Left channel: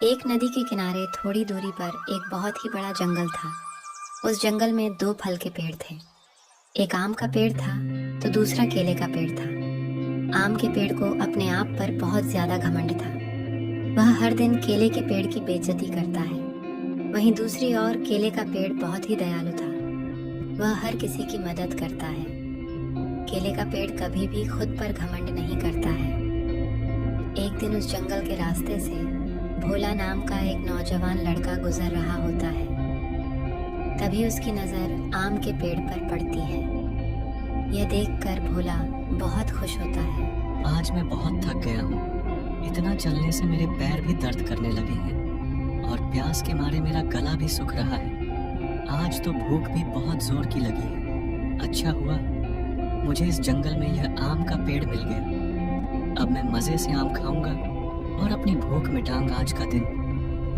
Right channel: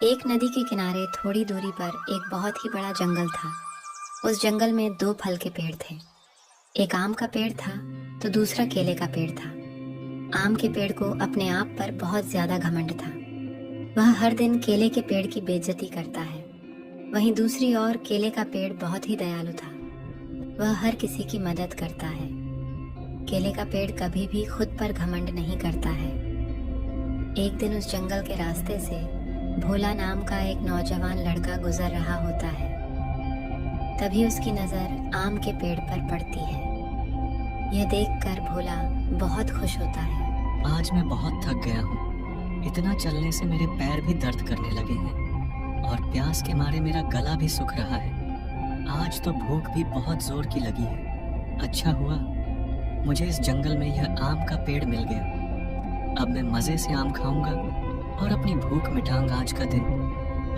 एक नदी के किनारे थोड़ी दूरी पर एक बहुत ही बड़ा जंगल था। उस जंगल में दो फल के पेड़ थे। एक आम का पेड़ था तो दूसरा केले का पेड़ था। आम के पेड़ को अपने आप पर बहुत ज्यादा घमंड था। वह हर दिन केले के पेड़ की बेइज्जती करता है। वहीं दूसरी ओर केले का पेड़ बहुत ही दयालु था। वह हर किसी की मदद करता है। केले का पेड़ कभी भी खुद पर घमंड नहीं करता है। एक दिन उस जंगल के रास्ते से भोला नाम का एक नौजवान लड़का गुजर रहा होता है। तभी उसकी नजर आम के पेड़ पर पड़ती है। यह देखकर भोला बहुत खुश होता है। आज मैं बहुत थक गया हूँ। इतना चलने से मेरे पैर भी दर्द करने लगे हैं और प्यास के मारे मेरा गला भी सूख रहा है। आज तो भूख भी बहुत जोर की लगी है। अच्छा हुआ मुझे इस जंगल में यह आम का पेड़ मिल गया। अब मैं मजे से आम खाऊंगा और अपनी भूख मिटाऊंगा। आज का दिन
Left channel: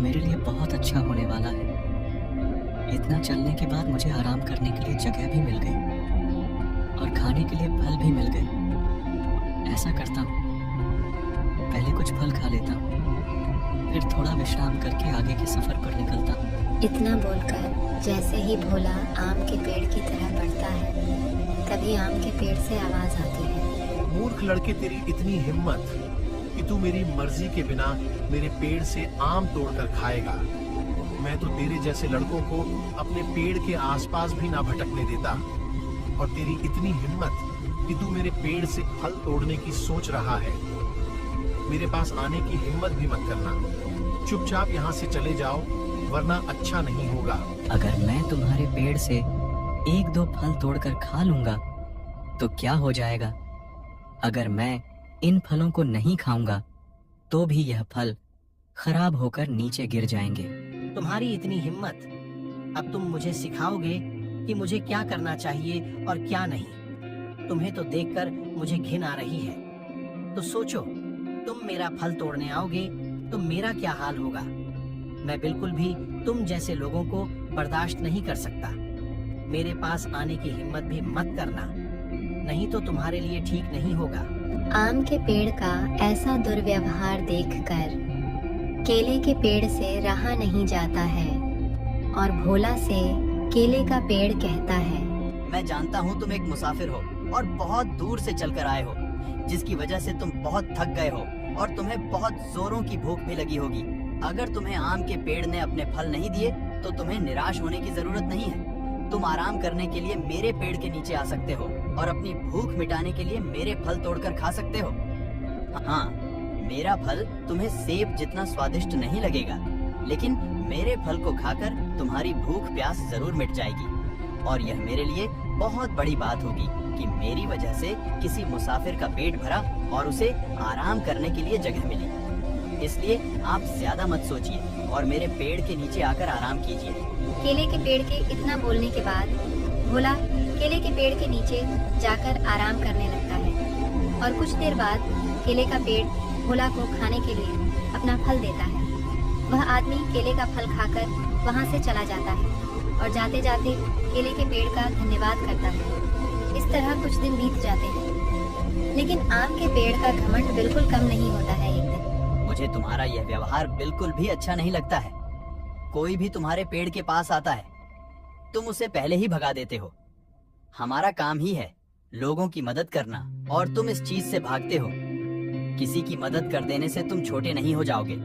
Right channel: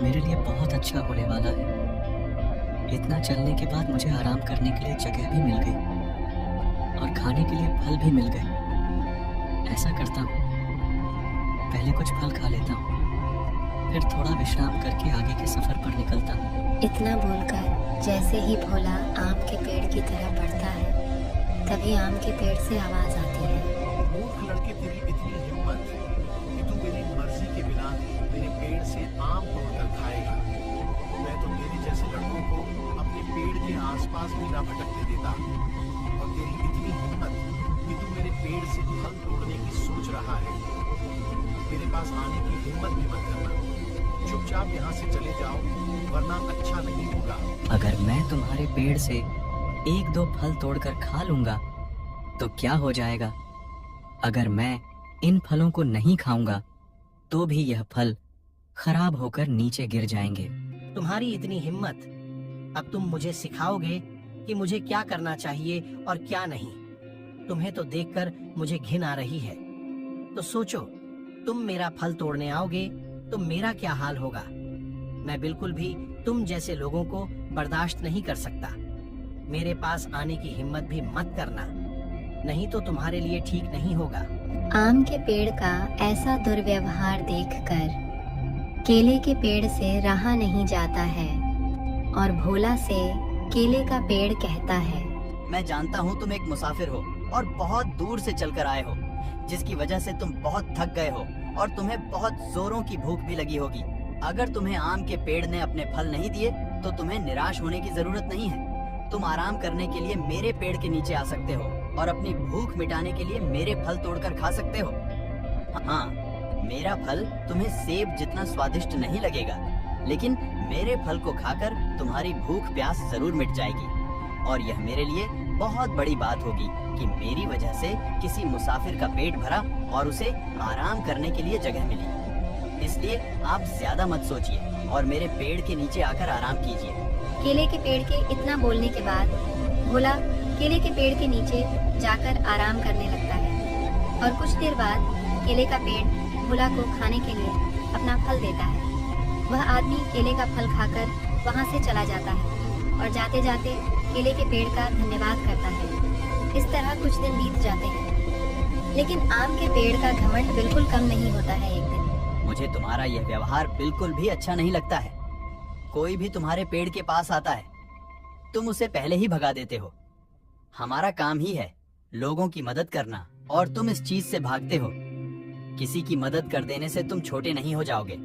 मेरे लिए बहुत अच्छा होने वाला है। इतना चलने के बाद मुझे आराम करने के लिए जगह भी मिल गई और खाने के लिए फल भी मिल गए। ऐसा करता हूँ, पहले कुछ फल खा लेता हूँ, फिर थोड़ा विश्राम करके आगे के सफर पर निकलता हूँ। इतना बोलकर जैसे ही भोला आम के पेड़ की तरफ बढ़ता है, तभी आम के पेड़ से आवाज आती है। मूर्ख लड़के, तेरी इतनी हिम्मत कि तू मेरी मर्जी के बिना मेरे पेड़ से आम तोड़कर खाएगा। मैं तो तेरे जैसे लड़कों को अपने पेड़ के आसपास भी ना भटकने देता। और तेरी इतनी हिम्मत कि तू मेरे पेड़ से फल तोड़ने की सोच रहा है। मेरे पास आने की हिम्मत भी मत करना। चुपचाप यहाँ से चले जाओ, वरना अच्छा नहीं होगा। अगर मैं तुम्हारे पेड़ से एक दो फल तोड़कर खा लूंगा तो क्या हो जाएगा? अगर मैं इन फलों को नहीं खाऊंगा तो भी यह फल खराब होकर नीचे गिर जाएंगे। तुम्हारी इतनी हिम्मत, अब तुम मुझे सिखाओगे कि मुझे क्या करना चाहिए और क्या नहीं। तुम्हें तो देखकर मुझे घिन आ रही है। तो सोचो, तुम मेरा फल तोड़ने आओगे तो मेरा क्या हाल होगा। मैं बिल्कुल भी तुम जैसे लोगों को बर्दाश्त नहीं कर सकता। मेरे पास आने की हिम्मत भी मत करना, नहीं तो तुम्हारे लिए ठीक नहीं होगा। आम के पेड़ का ऐसा दुर्व्यवहार देखकर केले के पेड़ से रहा नहीं जाता है और भोला से केले का पेड़ कहता है, मैं जानता हूँ तुम एक मुसाफिर हो और बहुत दूर से चलकर आए हो, जिसकी वजह से तुम बहुत थक गए हो और तुम्हें बहुत जोरों की भूख भी लगी होगी। अगर तुम्हें आम के पेड़ ने अपने फल नहीं दिए तो तुम्हें निराश होने की जरूरत नहीं है। तुम आराम करने के लिए मेरे पेड़ के नीचे आ सकते हो और अपनी भूख मिटाने के लिए मेरे फल तोड़कर खा सकते हो। हाँ, मेरा फल तुम्हें सेब जितना स्वादिष्ट नहीं लगेगा, लेकिन मेरे फल को खाकर तुम्हारी भूख प्यास जरूर मिट जाएगी। और यह मेरे लिए बहुत बड़ी बात होगी कि मेरी वजह से किसी मुसाफिर का पेट भरा और उसे आराम करने के लिए जगह मिली। इसलिए आप ज्यादा मत सोचिए और मेरे पेड़ के नीचे आकर आराम कीजिए। केले के पेड़ के इतना बोलने के बाद भोला केले के पेड़ के नीचे जाकर आराम करने लगता है और कुछ देर बाद केले का पेड़ भोला को खाने के लिए अपना फल देता है। वह आदमी केले का फल खाकर वहां से चला जाता है और जाते जाते केले के पेड़ का धन्यवाद करता है। इस तरह कुछ दिन बीत जाते हैं, लेकिन आम के पेड़ का घमंड बिल्कुल कम नहीं होता है। एक दिन मुझे तुम्हारा यह व्यवहार बिल्कुल भी अच्छा नहीं लगता है। कोई भी तुम्हारे पेड़ के पास आता है, तुम उसे पहले ही भगा देते हो। हमारा काम ही है लोगों की मदद करना और तुम इस चीज से भागते हो। किसी की मदद कर देने से तुम छोटे नहीं हो जाओगे,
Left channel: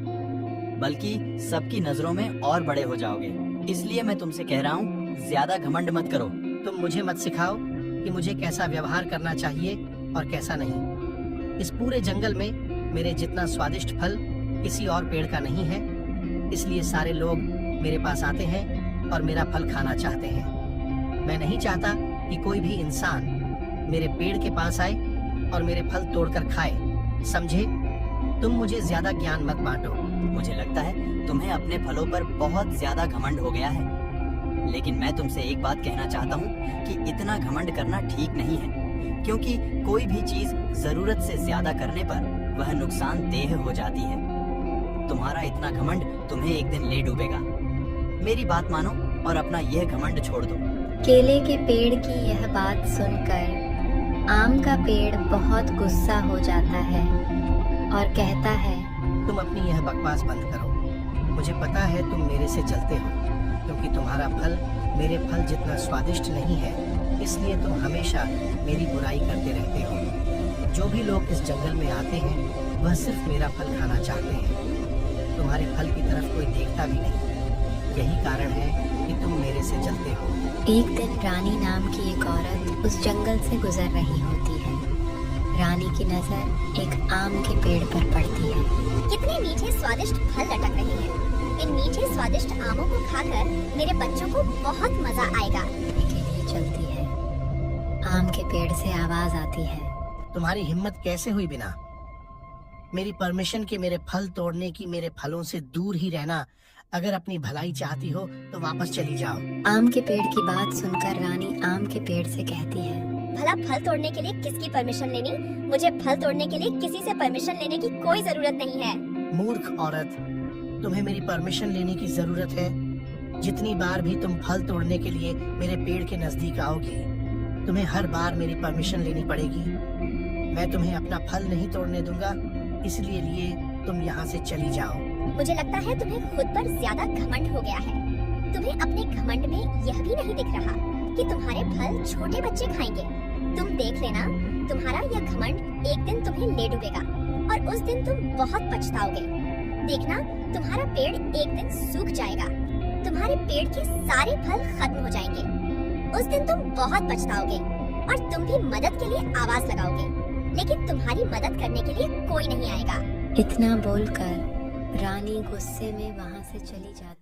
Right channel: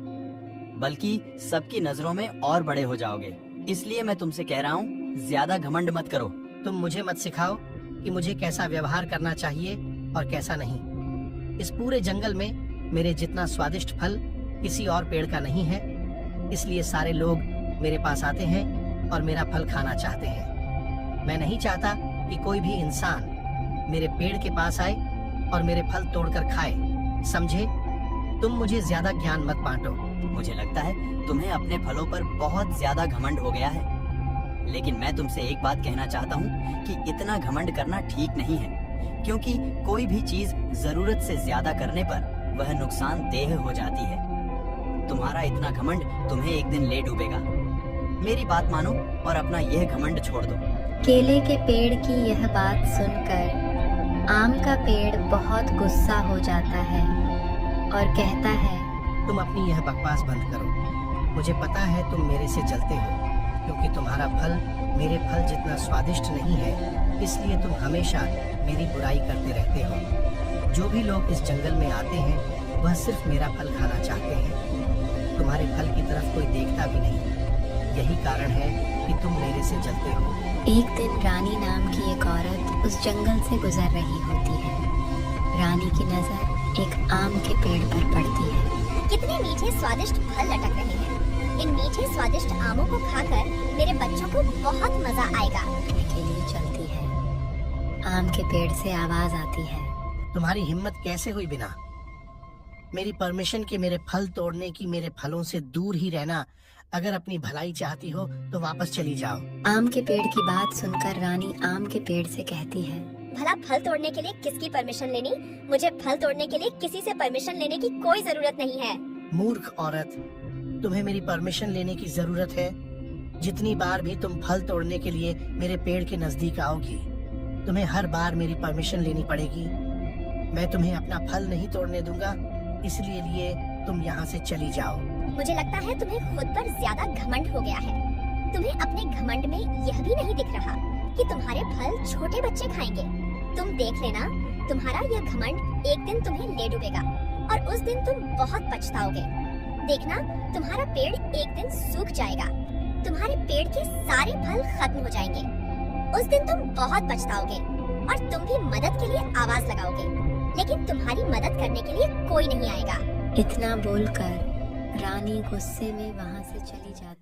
बल्कि सबकी नजरों में और बड़े हो जाओगे। इसलिए मैं तुमसे कह रहा हूँ, ज्यादा घमंड मत करो। तुम मुझे मत सिखाओ कि मुझे कैसा व्यवहार करना चाहिए और कैसा नहीं। इस पूरे जंगल में मेरे जितना स्वादिष्ट फल किसी और पेड़ का नहीं है, इसलिए सारे लोग मेरे पास आते हैं और मेरा फल खाना चाहते हैं। मैं नहीं चाहता कि कोई भी इंसान मेरे पेड़ के पास आए और मेरे फल तोड़कर खाए। समझे? तुम मुझे ज्यादा ज्ञान मत बांटो। मुझे लगता है तुम्हें अपने फलों पर बहुत ज्यादा घमंड हो गया है, लेकिन मैं तुमसे एक बात कहना चाहता हूँ कि इतना घमंड करना ठीक नहीं है, क्योंकि कोई भी चीज जरूरत से ज्यादा करने पर वह नुकसानदेह हो जाती है। तुम्हारा इतना घमंड तुम्हें एक दिन ले डूबेगा। मेरी बात मानो और अपना यह घमंड छोड़ दो। केले के पेड़ की यह बात सुनकर आम का पेड़ बहुत गुस्सा हो जाता है और कहता है, तुम अपनी यह बकवास बंद करो मुझे पता है तुम मेरे से जलते हो, क्योंकि तुम्हारा फल मेरे फल जितना स्वादिष्ट नहीं है, इसलिए तुम हमेशा मेरी बुराई करते रहते हो। जो भी लोग इस जंगल में आते हैं वह सिर्फ मेरा फल खाना चाहते हैं। तुम्हारे फल की तरफ कोई देखता भी नहीं। यही कारण है कि तुम मेरे से जलते हो। एक दिन रानी नाम की एक औरत उस जंगल से गुजर रही होती है। रानी की नजर एक आम के पेड़ पर पड़ती है। कितने मीठे स्वादिष्ट फल लटक रहे हैं। इन मीठे स्वादिष्ट आमों को खाकर मेरे बच्चों को बहुत मजा आएगा। के लिए चलती है। आम के पेड़ से आवाज आती है। तुम्हारी हिम्मत कैसे हुई बिना मेरी परमिशन के मेरे फल तोड़ने की? मेरे फलों से दूर ही रहना। अगर अपनी भलाई चाहती हो तो वापस चली जाओ। आम के पेड़ की बात सुनकर रानी आम के पेड़ से कहती है, भला फल तोड़ने के लिए किसकी परमिशन लेनी? मुझे फल तोड़ने के लिए किसी से परमिशन लेने की कोई जरूरत नहीं है। मूर्ख औरत, तुम्हें मेरी परमिशन लेने की जरूरत है। जितनी बार भी तुम फल तोड़ने के लिए मेरे पेड़ के नजदीक आओगी, तुम्हें हर बार मेरी परमिशन लेनी पड़ेगी। मैं तुम्हें अपना फल नहीं तोड़ने दूंगा, इसलिए तुम यहाँ से चली जाओ। मुझे लगता है तुम्हें खुद पर ज्यादा घमंड हो गया है। तुम्हें अपने घमंड में यह भी नहीं दिख रहा कि तुम्हारे फल छोटे बच्चे खाएंगे। तुम देख लेना, तुम्हारा यह घमंड एक दिन तुम्हें ले डूबेगा और उस दिन तुम बहुत पछताओगे। देखना, तुम्हारा पेड़ एक दिन सूख जाएगा। तुम्हारे पेड़ के सारे फल खत्म हो जाएंगे। उस दिन तुम बहुत पछताओगे और तुम भी मदद के लिए आवाज लगाओगे, लेकिन तुम्हारी मदद करने के लिए कोई नहीं आएगा। इतना बोलकर रानी गुस्से में वहां से चली जाती